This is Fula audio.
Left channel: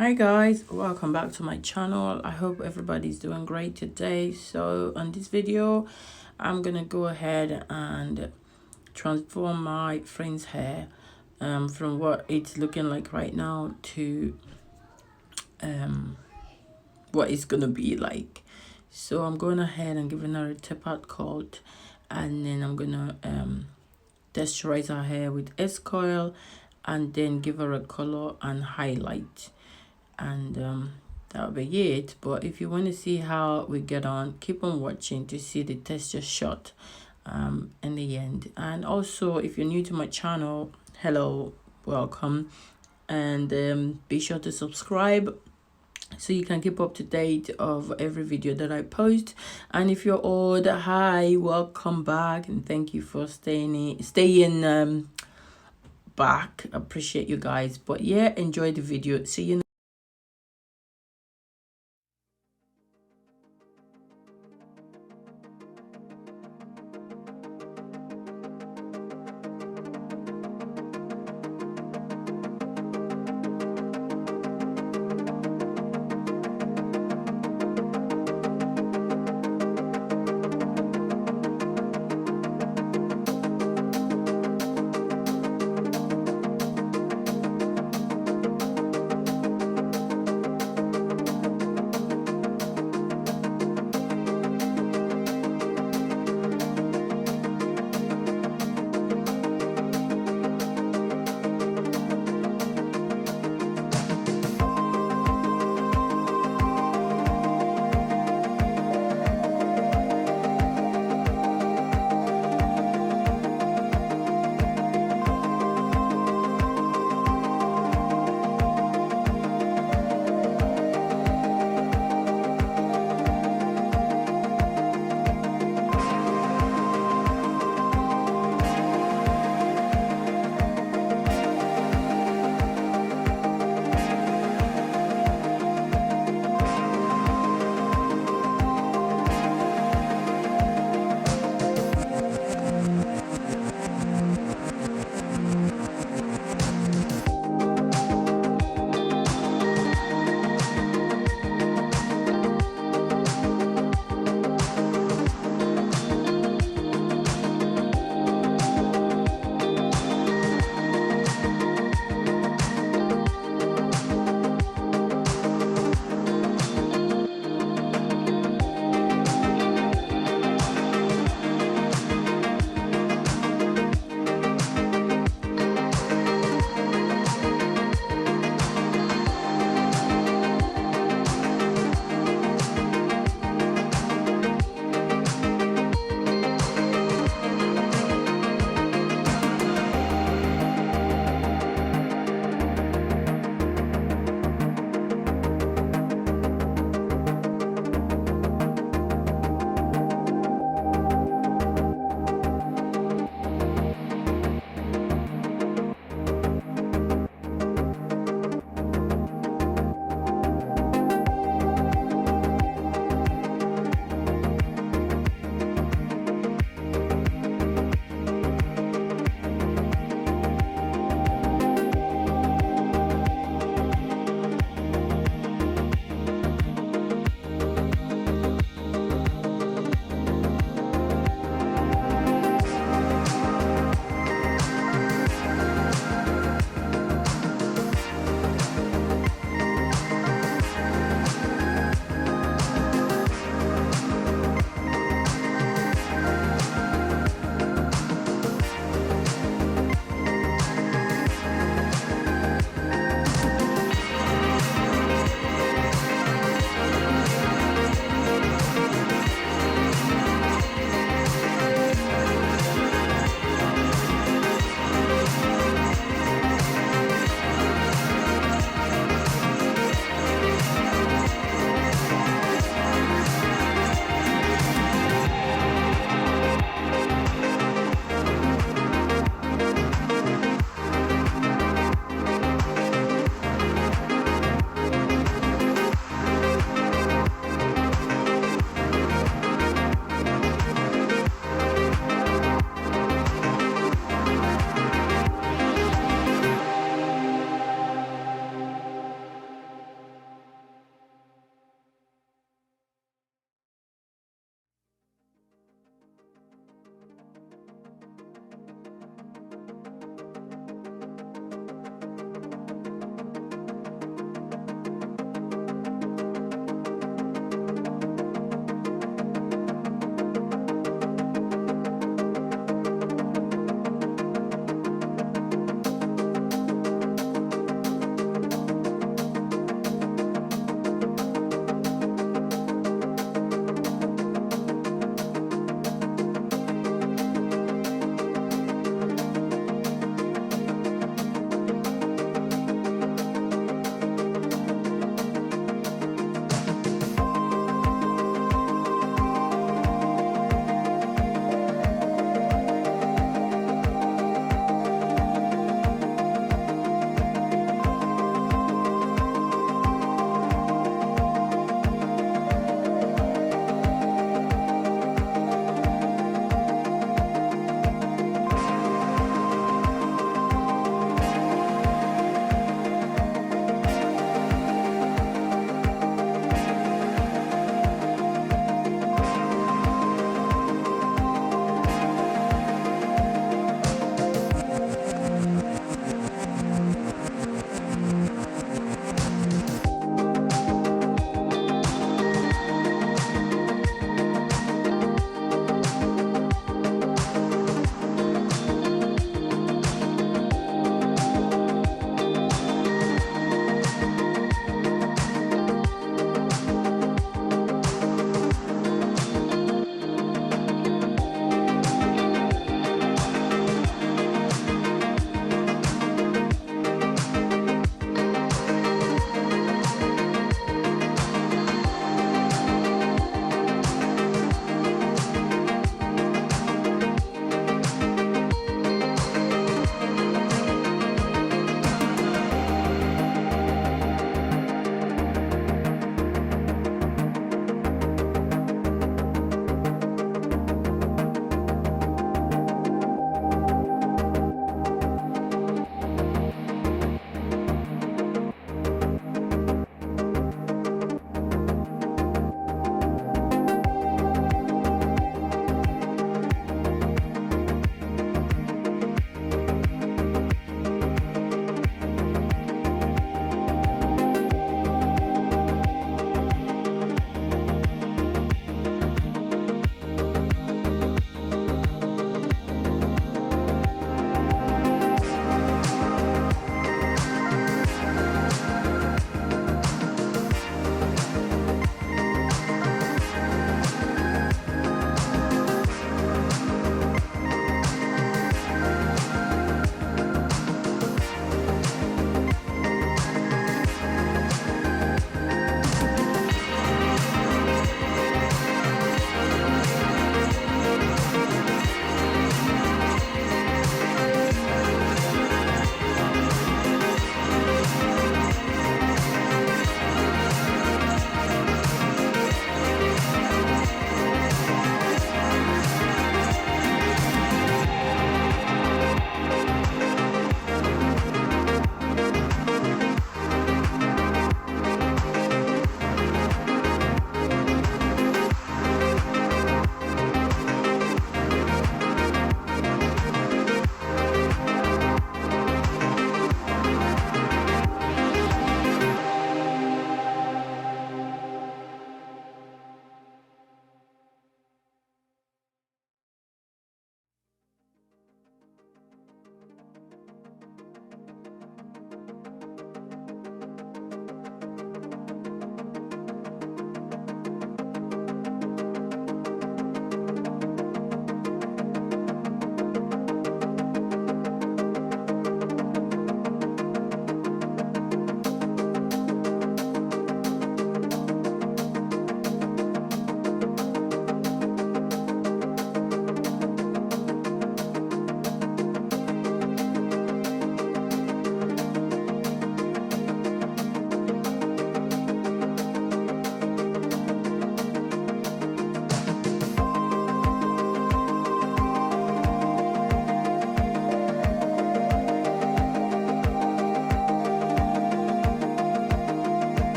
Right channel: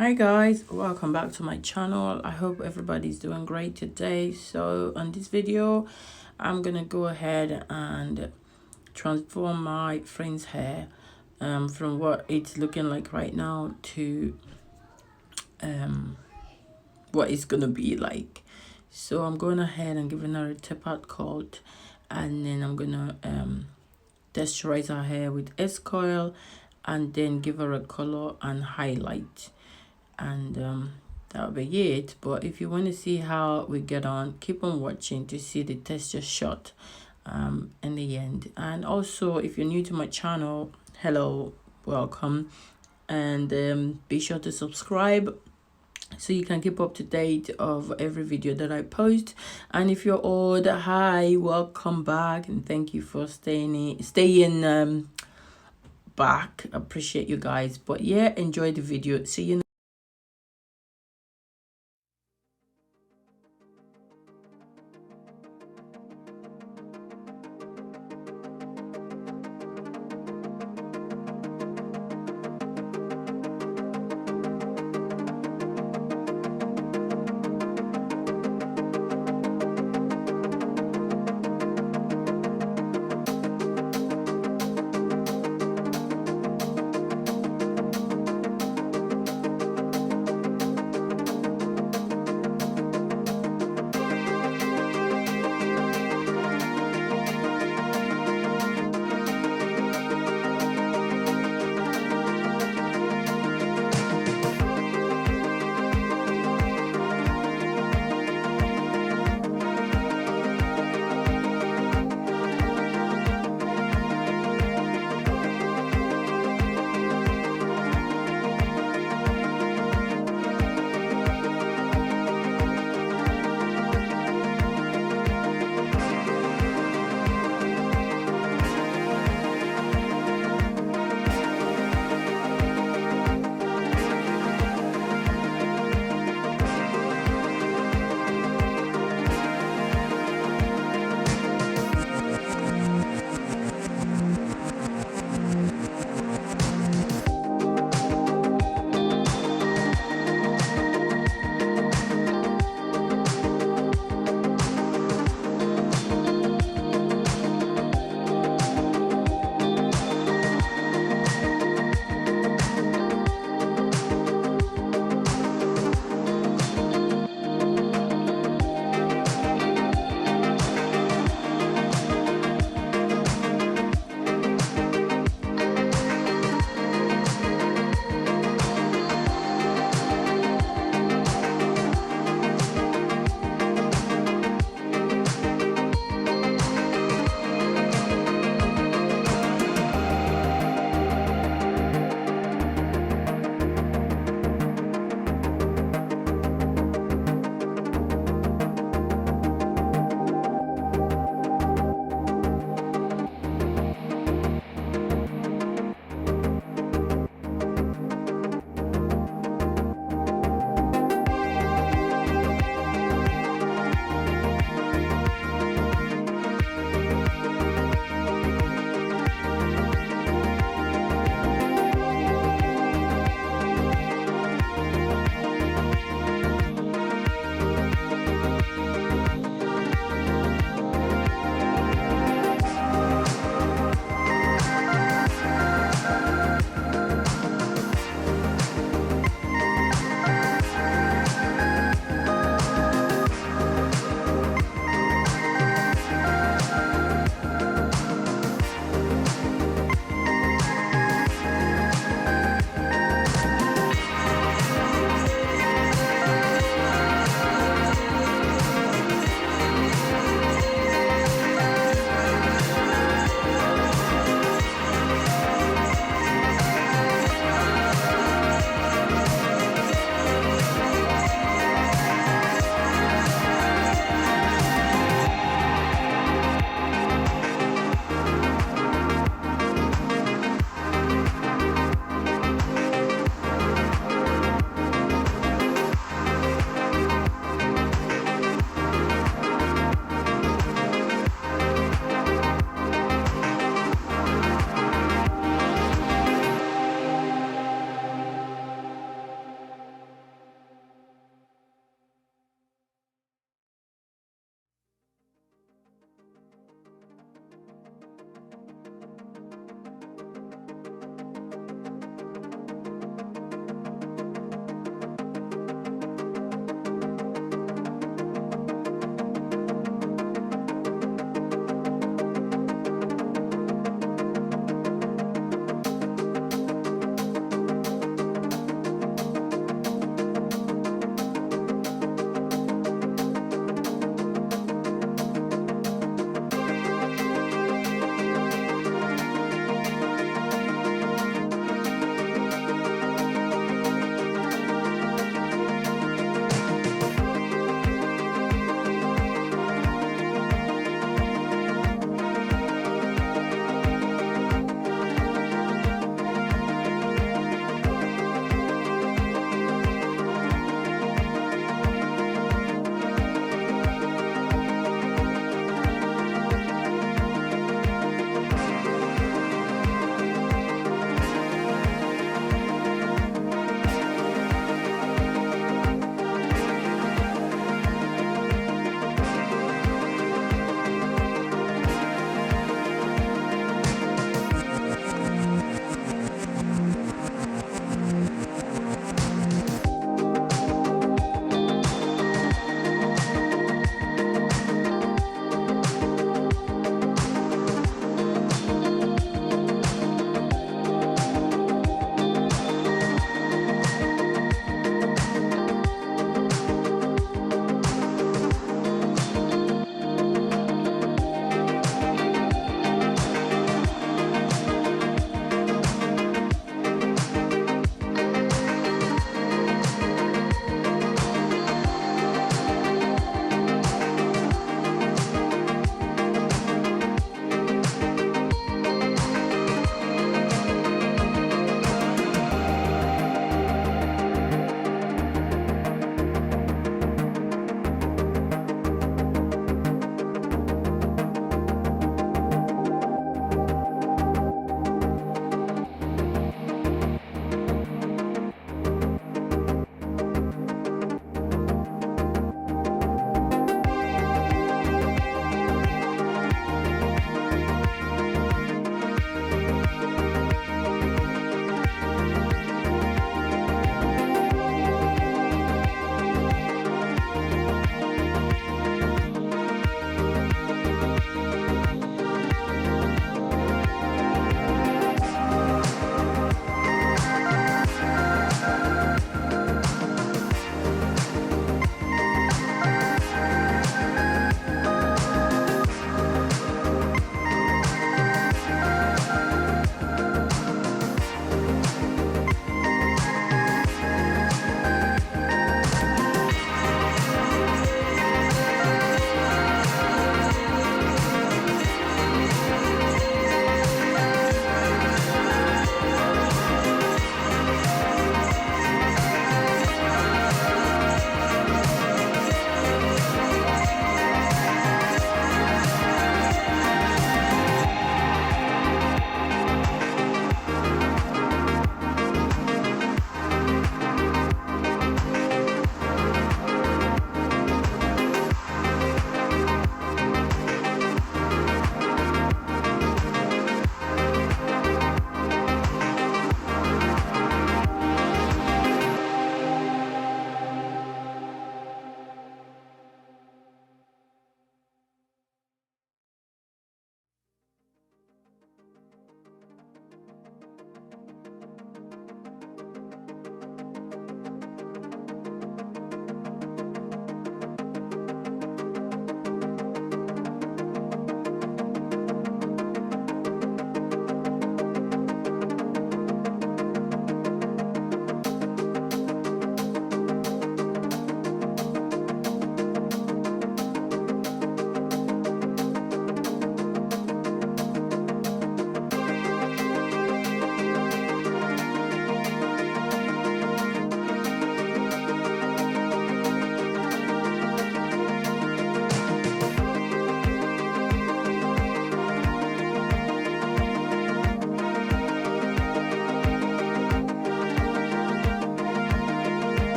Hi guys, welcome back to my channel. I hope everybody's doing great today. So on this video I'm gonna go ahead and transform my friend's hair from what it's looking like right now to what it's gonna be like. So I'm going ahead and giving her a tapered cut, and then I'm gonna texturize her hair with scurl and then give her a color and highlight, and that'll be it. But if you want to see how we get on, keep on watching to see the texture shot in the end. And also, if you're new to my channel, hello, welcome, and be sure to subscribe so you can keep up to date of every video that I post. And if you're old, hi, welcome back, and thank you for staying back. Appreciate you guys. But yeah, enjoy the video. See you